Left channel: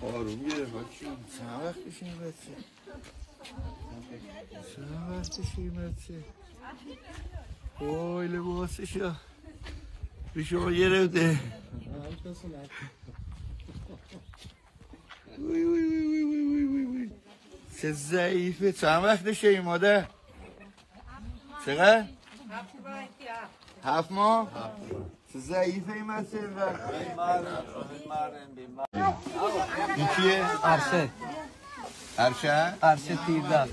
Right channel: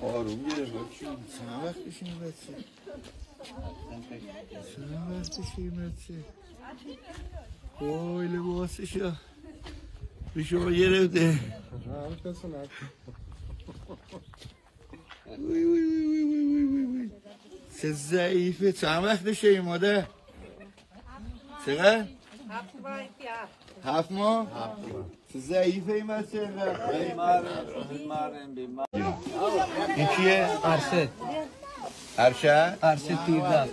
آروم گرفت چند وقتش این بچه وای لباسش به شما گرفته چه ضعیفه چند وقتشه این مادر چقدر؟ 7 ماه؟ چه ضعیفه این بچه این چیه؟ عرشه تیردار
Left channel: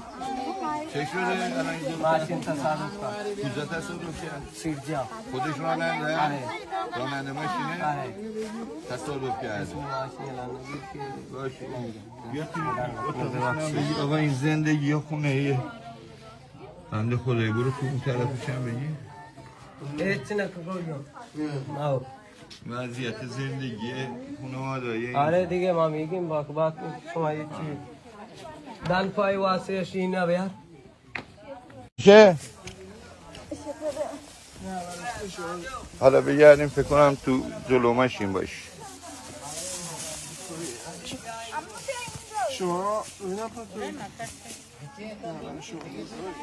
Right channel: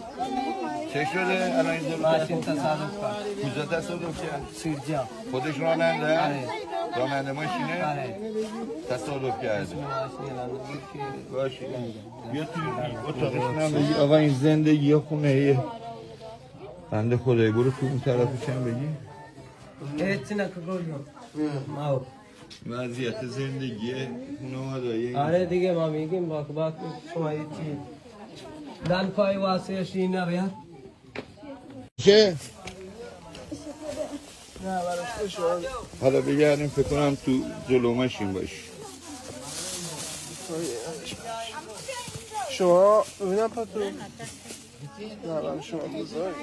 چه شده؟ الان اینجا ماشین تصادف کرد کجا تصادف کرد؟ سیرجا خودش راننده؟ آره راننده ماشینه؟ آره تصادف کرده ماشین الان گیر که باشه بیا توی اتاقش بگی آقا این زندگی خونه ایه بنده خدایی برو تو اون طرفش هم بگی هیچ نکنیم ماو وضعیت زندگی خانواده‌ای آره دیگه ما میگیم باک شما چی دل پای واسه شینا بیا چه؟ حالا بگردیم فکر کنم تو جلو ماشین باش شما ببینم پاتو نه شما بزرگ